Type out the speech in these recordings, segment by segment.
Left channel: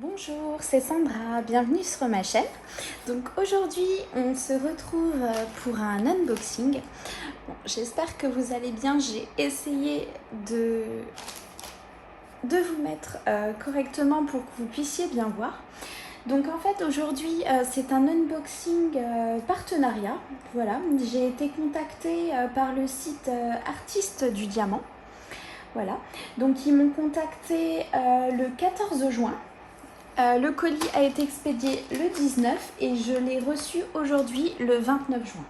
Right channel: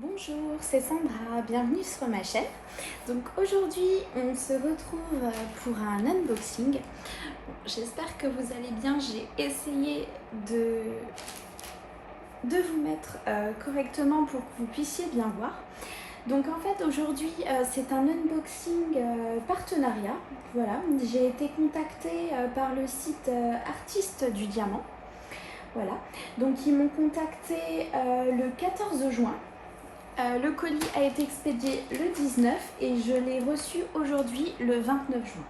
Bonjour, c'est Sandra, bienvenue sur ma chaîne. Donc aujourd'hui on se retrouve pour un unboxing. Bon, j'espère que vous allez bien, j'ai essayé de vous mettre correctement pour que vous puissiez bien voir. Donc en fait aujourd'hui c'est un unboxing partenariat. Voilà, j'ai été contactée par le site Artistes du Diamant. Voilà, donc ils m'ont contacté le 14 juin. Le colis a été expédié le 19 et je l'ai reçu aujourd'hui le 29 juin.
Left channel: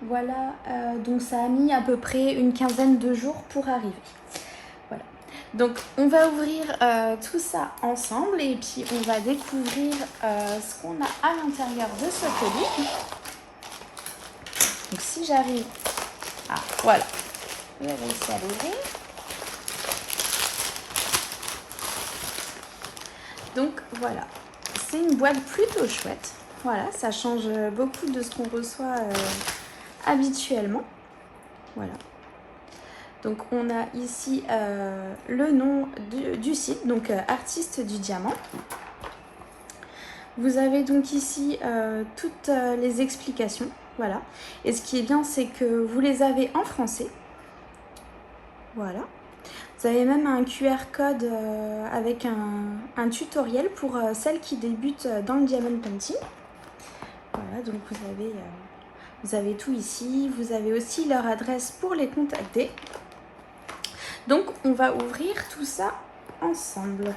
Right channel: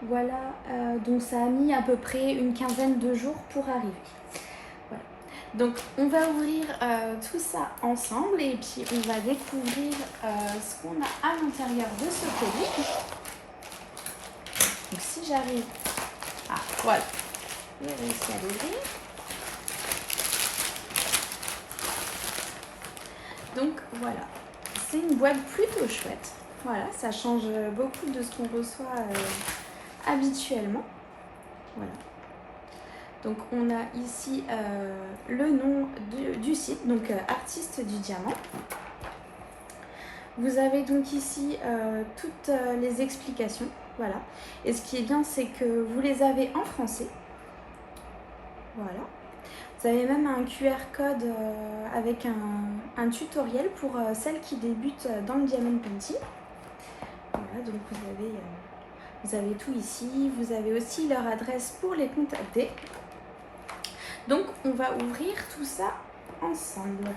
Voilà, donc ça a mis à peu près une quinzaine de jours pour arriver. Voilà. Donc on va ouvrir tout ça ensemble et puis on va découvrir ce qu'on a à l'intérieur de ce colis. Donc si j'arrive... Ah voilà, j'ai réussi à l'ouvrir. Donc voilà, c'est une boîte plutôt chouette. Voilà, ça change beaucoup de ce qu'on reçoit habituellement. Voilà. Donc on a ici le nom du site, donc Artistes du Diamant. Vous avez donc ici toutes les explications. Voilà. Et ce qui est bien, c'est que vous les avez en français. Voilà. Vous avez même un QR code avec un tutoriel pour celles qui débutent dans le diamond painting. Voilà, donc vous avez tout ici. Vous avez aussi leur adresse pour les contacter. Donc on va ouvrir tout ça ensemble.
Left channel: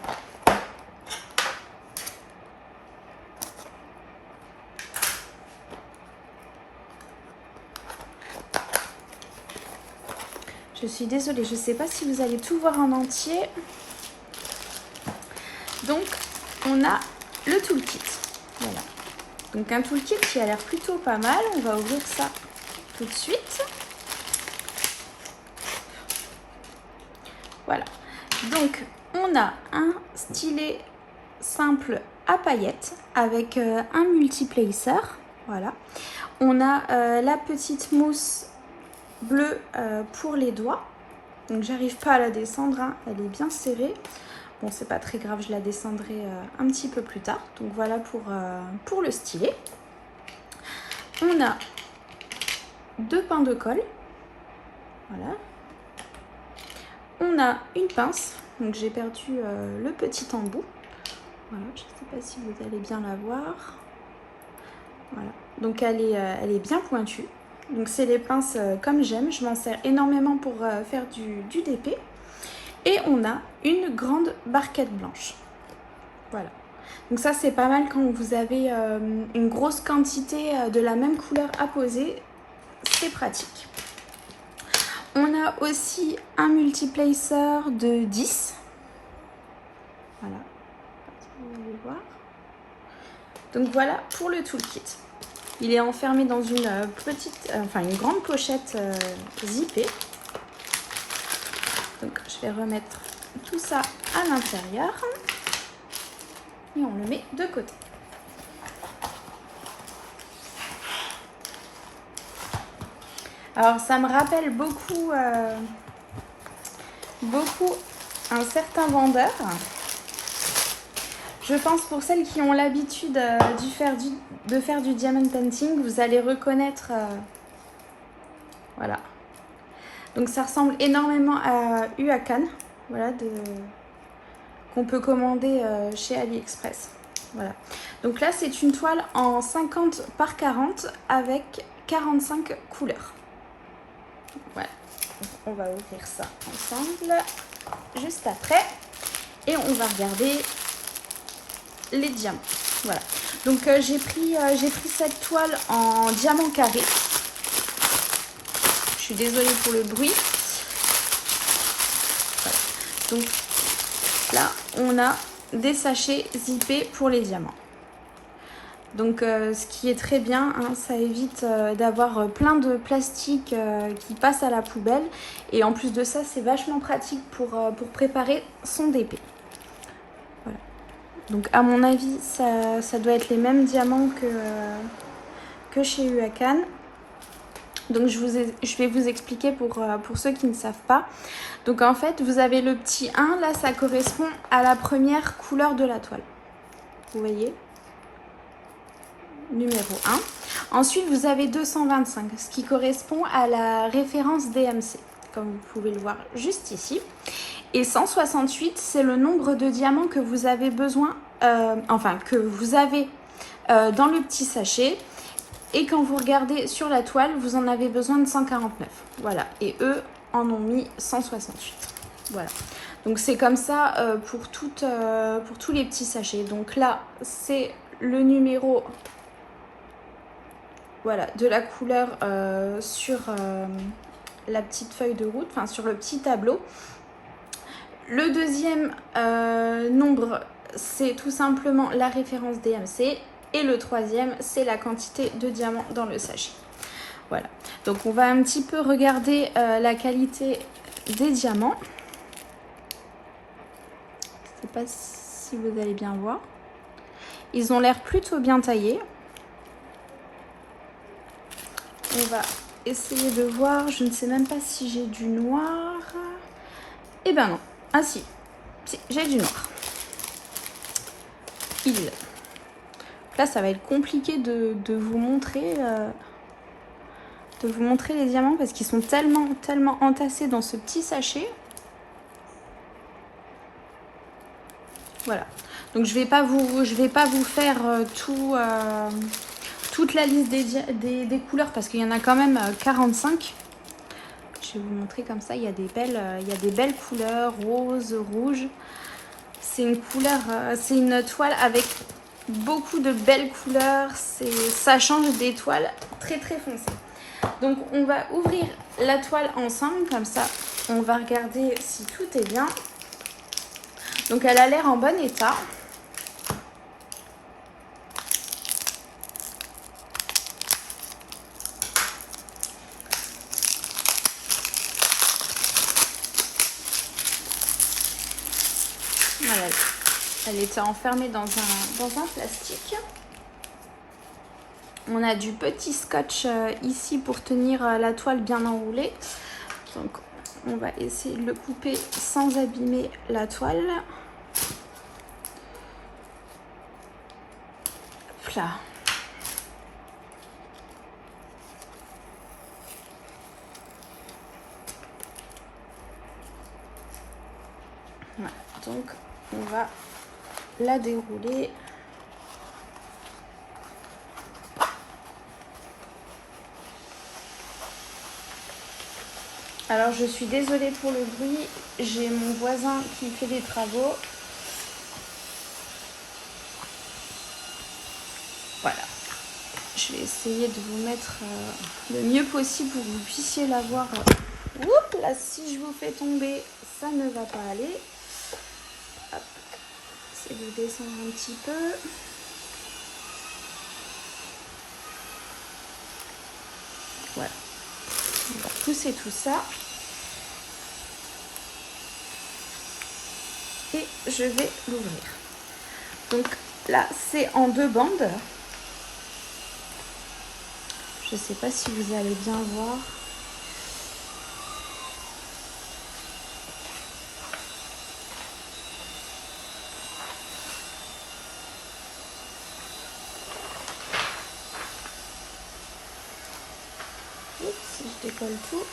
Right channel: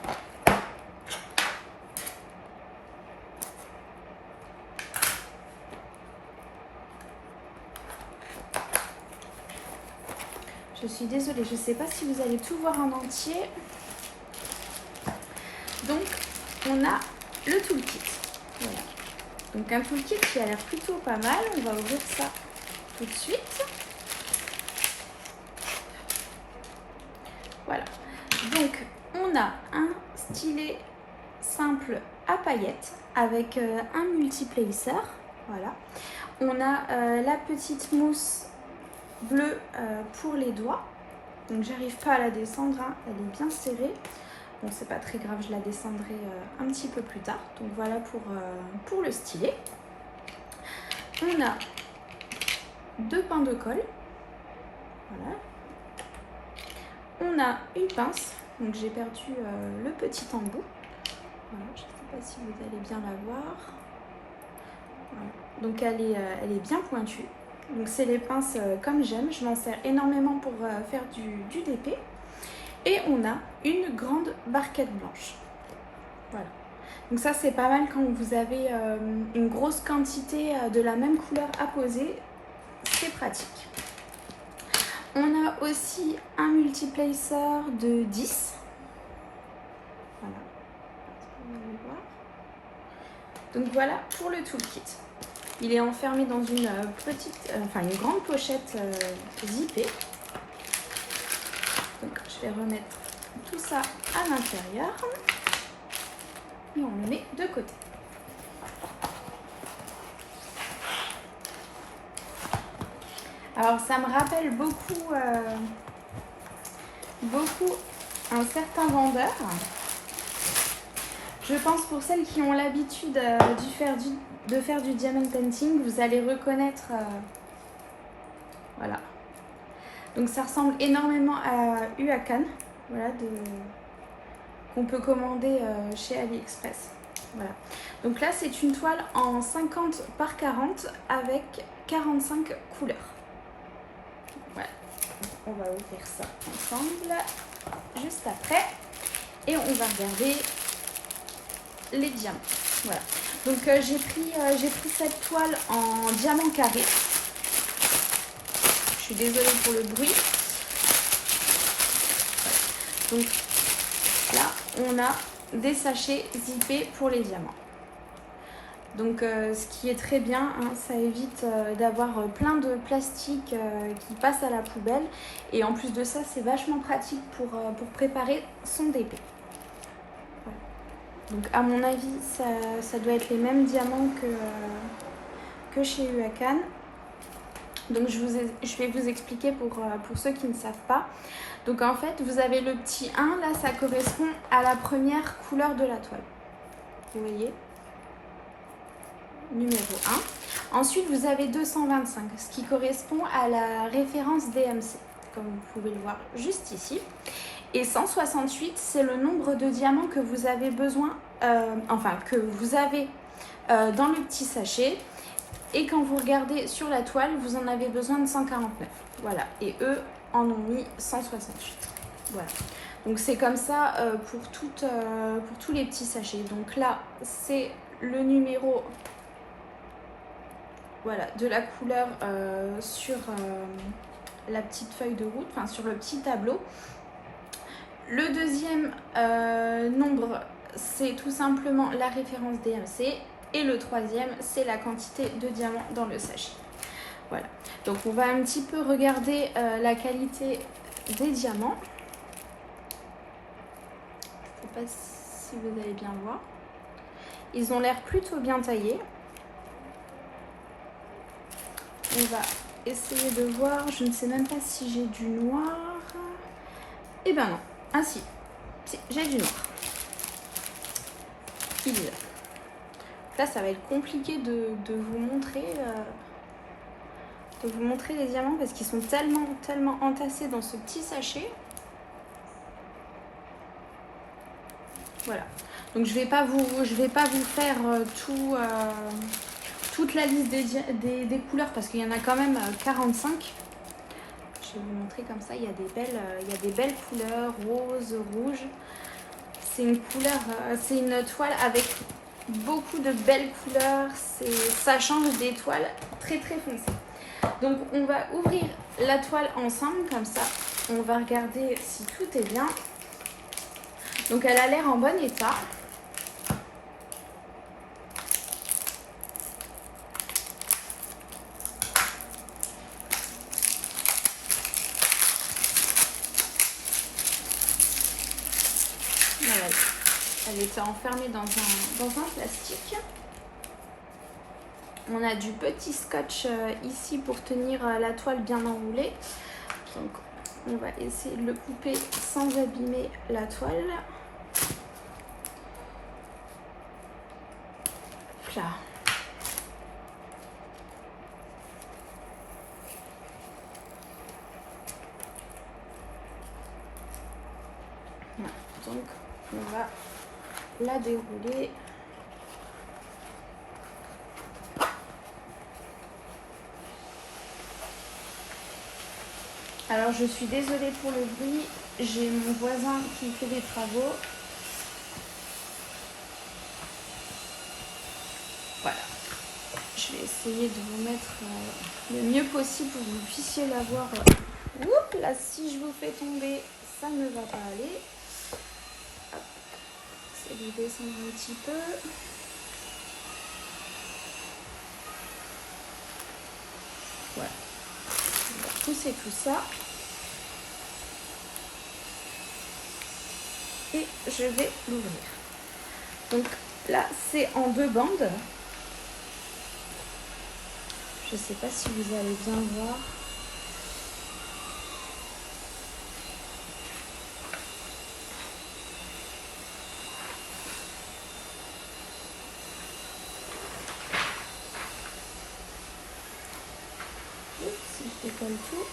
Je suis désolée, je ne sais pas si vous allez tout voir en entier. Donc, on a le toolkit. Voilà. Donc, un toolkit qui a l'air plutôt pas mal. On va ouvrir ça tout de suite. Voilà. Donc, on a un stylet simple à paillettes avec un multiplacer. Voilà. On a la petite mousse bleue pour les doigts. Donc j'arrive pas à la descendre, hein. Elle est bien serrée. Bon, c'est pas très grave, je la descendrai un petit peu plus tard. Donc voilà pour le stylet. On a deux pains de colle. Voilà. On a une pince. Donc j'ai perdu le petit embout. Voilà, je sais pas si vous allez bien la voir. Voilà. Donc elle est bien pointue. Donc c'est les pinces comme j'aime, je m'en sers énormément pour faire du DP. Et on a une grande barquette blanche. Voilà. Donc ça c'est pas mal quand vous avez une grosse quantité de la même couleur à poser, c'est pratique. On a aussi un multiplacer de 10. Voilà. Vous allez voir. Donc voilà pour le toolkit. Il est enfermé dans une une grande pochette zippée. Donc je vais remettre tout ça à l'intérieur et on le met de côté. Alors ça me rappelle beaucoup un certain vendeur. Je pense pour celles qui ont l'habitude de faire du diamond painting, vous allez reconnaître, voilà. Donc ça ressemble énormément à Huacan, voilà, qu'on peut commander chez AliExpress. Voilà. Donc là c'est une toile en 50 par 40 avec 45 couleurs. Voilà. On va ouvrir ça ensemble juste après et on va regarder les diamants. Voilà. Donc j'ai pris cette toile en diamant carré. Je suis désolée pour le bruit. Donc là, on a des sachets zippés pour les diamants. Donc ce qui est très bien, hein, ça évite d'avoir plein de plastique qui passe à la poubelle. Et en plus de ça, c'est vachement pratique pour préparer son DP. Voilà. Donc à mon avis, ça doit être les mêmes diamants que chez Huacan. Donc je vais vous expliquer pour ceux qui ne savent pas. Donc en fait, vous avez le petit 1, là ça correspond à la première couleur de la toile. Vous voyez ? Numéro 1. Ensuite, vous avez 225, ce qui correspond à la référence DMC, comme vous pouvez le voir juste ici. Et 168, c'est le nombre de diamants que vous avez besoin, que vous avez dans le petit sachet. Et quand vous regardez sur la toile, vous en avez besoin de 149. Voilà. Et eux en ont mis 168. Voilà. Donc c'est comme ça pour tous les petits sachets. Donc là, c'est le numéro de la couleur sur la petite feuille de route, enfin sur le petit tableau. Le deuxième nombre, c'est tout simplement la référence DMC. Et le troisième, c'est la quantité de diamants dans le sachet. Voilà. Donc on va un petit peu regarder la qualité des diamants. Je ne sais pas si vous allez bien voir. Ils ont l'air plutôt bien taillés. On va essayer de voir. Je ne sais même pas si j'ai du noir. Eh ben non. Ah si, j'ai du noir. Là, ça va être compliqué de vous montrer les diamants parce qu'ils sont tellement entassés dans ce petit sachet. Voilà. Donc je vais pas vous faire toute la liste des couleurs parce qu'il y en a quand même 45. Je vais vous montrer comme ça. Il y a des belles couleurs, rose, rouge. C'est une toile avec beaucoup de belles couleurs, ça change des toiles très foncées. Donc on va ouvrir la toile ensemble, comme ça on va regarder si tout est bien. Donc elle a l'air en bon état. Voilà. Elle était enfermée dans un plastique. On a du petit scotch ici pour tenir la toile bien enroulée. Donc on va essayer de le couper sans abîmer la toile. Voilà. Voilà. Donc on va la dérouler. Alors je suis désolée pour le bruit, j'ai mon voisin qui fait des travaux. Voilà, je vais essayer de vous mettre le mieux possible pour que vous puissiez la voir. Oups, là si je vous fais tomber, ça ne va pas aller. Hop. J'essaie de descendre un petit peu. Voilà. On va pousser tout ça. Et je vais l'ouvrir. Donc là, c'est en 2 bandes. Je ne sais pas si vous allez bien voir. Si je décolle tout.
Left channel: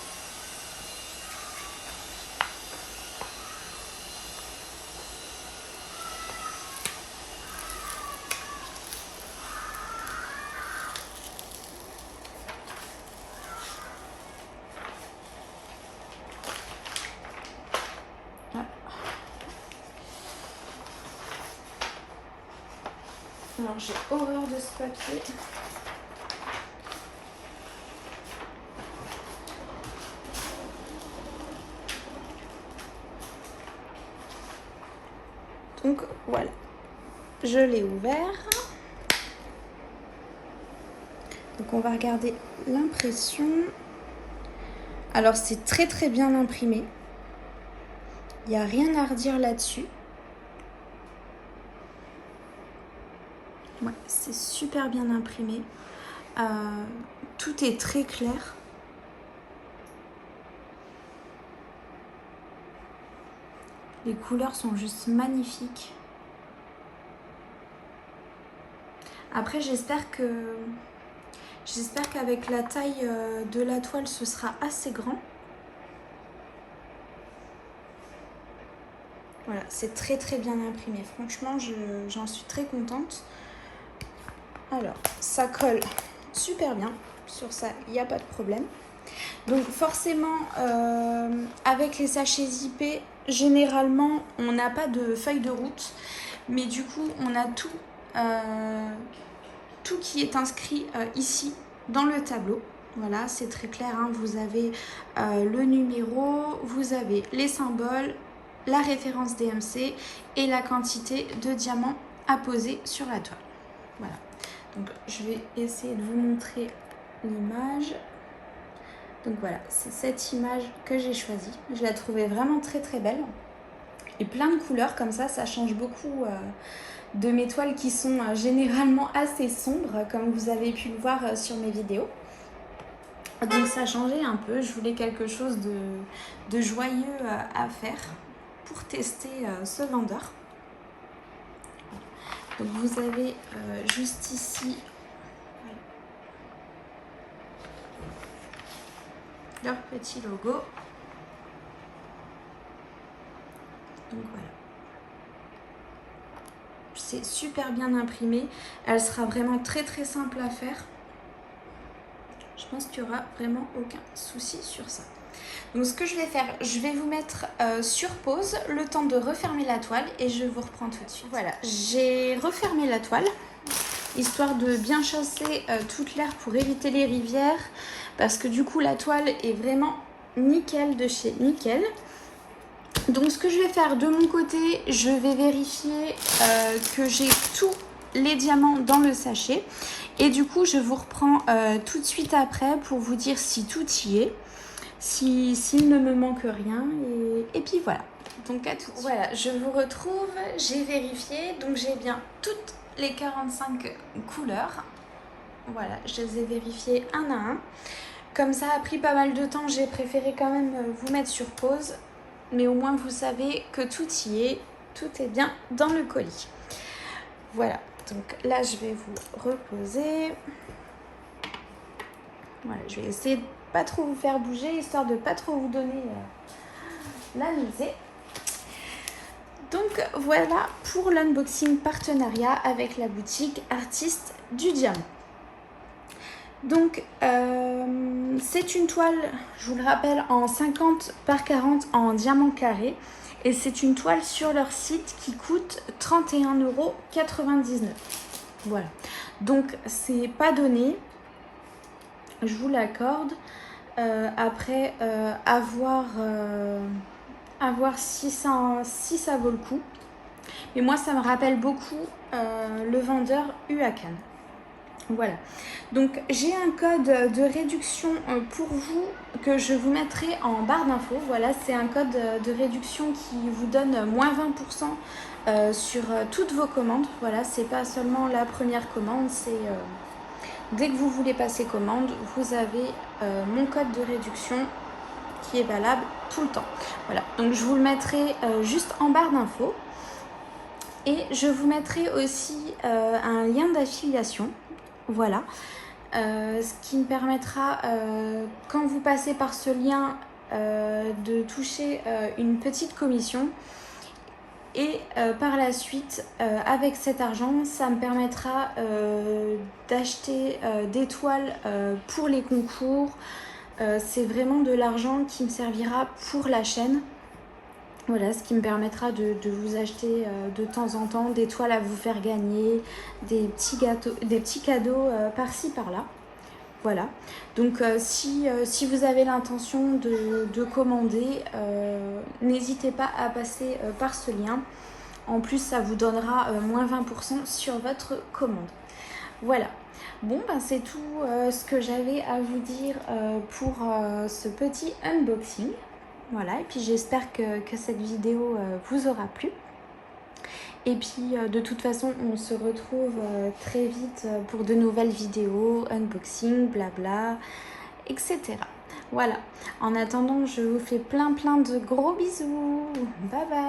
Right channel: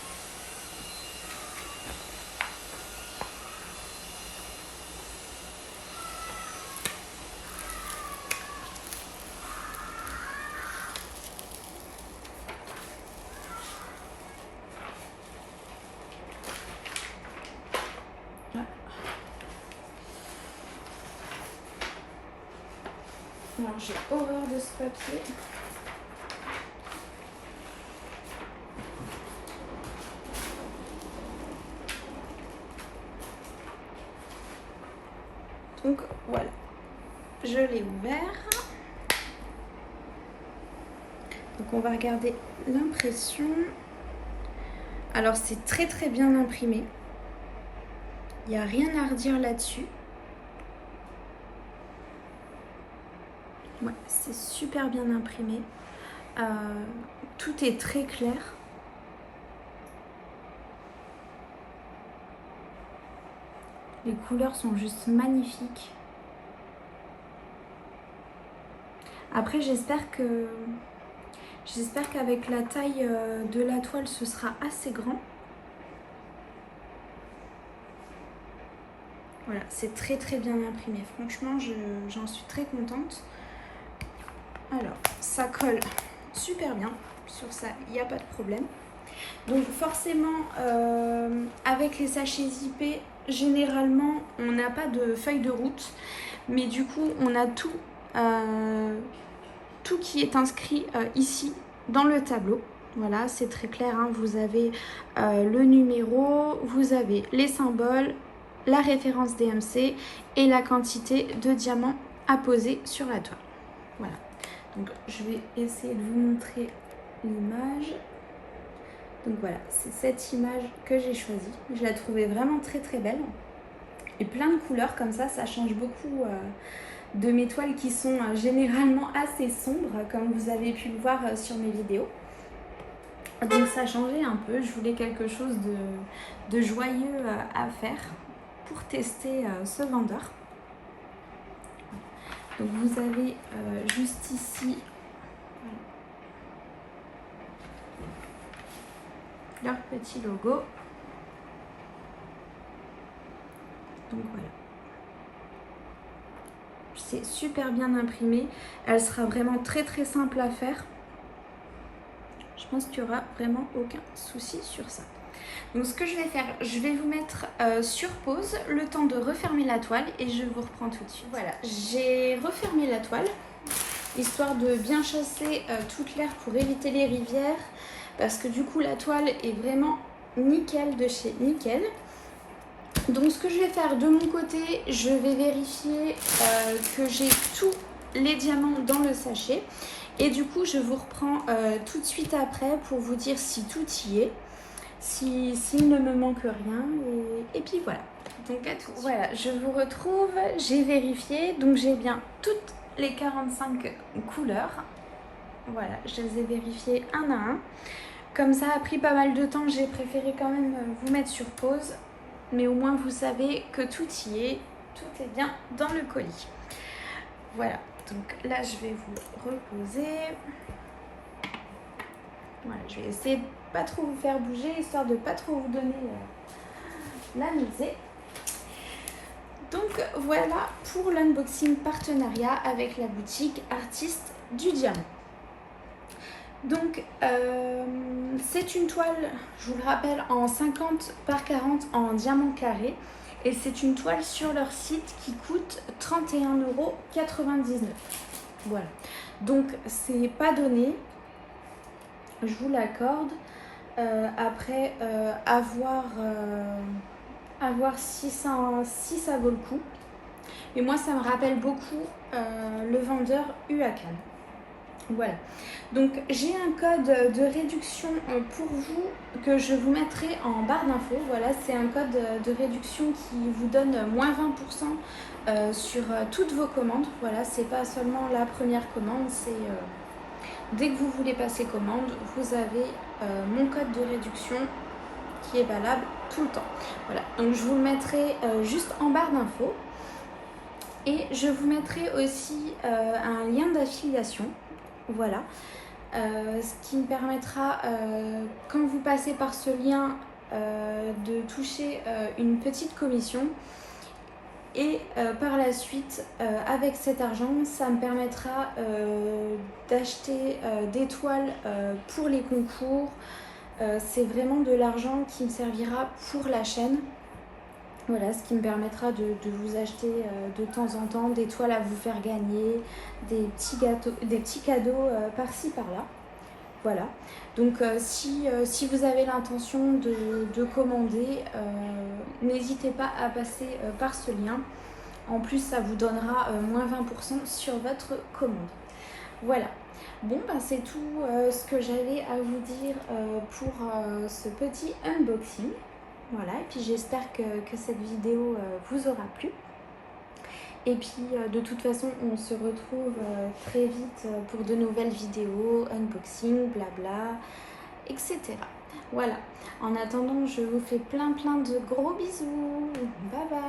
Non, j'ai horreur de ce papier. Donc voilà, je l'ai ouvert. Donc on va regarder l'impression. Alors c'est très bien imprimé. Il n'y a rien à redire là-dessus. Ouais, c'est super bien imprimé. Tout est très clair. Les couleurs sont juste magnifiques. Après, j'espère qu'avec la taille de la toile, ce sera assez grand. Voilà, c'est très très bien imprimé. Franchement, j'en suis très contente. Alors, ça colle super bien. Sur ça, il n'y a pas de problème. Donc forcément, avec les sachets zippés, généralement, on n'a pas de feuille de route. Mais du coup, on a tout qui est inscrit ici dans le tableau. Voilà, c'est très clair, hein. Vous avez le numéro, vous avez les symboles, la référence DMC et la quantité de diamants à poser sur la toile. Voilà, donc je vais essayer de vous montrer l'image. Donc voilà, c'est cette image que j'ai choisie. Je la trouvais vraiment très très belle. Et plein de couleurs comme ça change beaucoup de mes toiles qui sont généralement assez sombres, comme vous avez pu le voir sur mes vidéos. Donc ça a changé un peu, je voulais quelque chose de joyeux à faire pour tester ce vendeur. Donc vous avez juste ici leur petit logo. Donc voilà. C'est super bien imprimé. Elle sera vraiment très très simple à faire. Je pense qu'il n'y aura vraiment aucun souci sur ça. Donc ce que je vais faire, je vais vous mettre sur pause le temps de refermer la toile et je vous reprends tout de suite. Voilà, j'ai refermé la toile, histoire de bien chasser toute l'air pour éviter les rivières, parce que du coup la toile est vraiment nickel de chez nickel. Donc ce que je vais faire de mon côté, je vais vérifier que j'ai tous les diamants dans le sachet. Et du coup, je vous reprends tout de suite après pour vous dire si tout y est, s'il ne me manque rien. Et puis voilà. Donc à tout. Voilà, je vous retrouve, j'ai vérifié. Donc j'ai bien toutes les 45 couleurs. Voilà, je les ai vérifiées un à un. Comme ça a pris pas mal de temps, j'ai préféré quand même vous mettre sur pause. Mais au moins vous savez que tout y est, tout est bien dans le colis. Voilà, donc là je vais vous reposer. Voilà, je vais essayer de pas trop vous faire bouger, histoire de pas trop vous donner la nausée. Donc voilà pour l'unboxing partenariat avec la boutique Artistes du Diamant. Donc c'est une toile, je vous le rappelle, en 50 par 40 en diamant carré. Et c'est une toile sur leur site qui coûte 31,99 €. Voilà, donc c'est pas donné, je vous l'accorde. Après, à voir si ça vaut le coup. Mais moi, ça me rappelle beaucoup le vendeur Huacan. Voilà, donc j'ai un code de réduction pour vous que je vous mettrai en barre d'infos. Voilà, c'est un code de réduction qui vous donne moins 20% sur toutes vos commandes. Voilà, c'est pas seulement la première commande, c'est dès que vous voulez passer commande, vous avez mon code de réduction qui est valable tout le temps. Voilà, donc je vous le mettrai juste en barre d'infos. Et je vous mettrai aussi un lien d'affiliation. Voilà, ce qui me permettra, quand vous passez par ce lien, de toucher une petite commission. Et par la suite, avec cet argent, ça me permettra d'acheter des toiles pour les concours. C'est vraiment de l'argent qui me servira pour la chaîne. Voilà, ce qui me permettra de vous acheter de temps en temps des toiles à vous faire gagner, des petits cadeaux par-ci par-là. Voilà, donc si vous avez l'intention de commander, n'hésitez pas à passer par ce lien. En plus, ça vous donnera moins 20% sur votre commande. Voilà. Bon, ben c'est tout ce que j'avais à vous dire pour ce petit unboxing. Voilà, et puis j'espère que cette vidéo vous aura plu. Et puis de toute façon, on se retrouve très vite pour de nouvelles vidéos, unboxing, blabla, etc. Voilà, en attendant, je vous fais plein de gros bisous. Bye bye.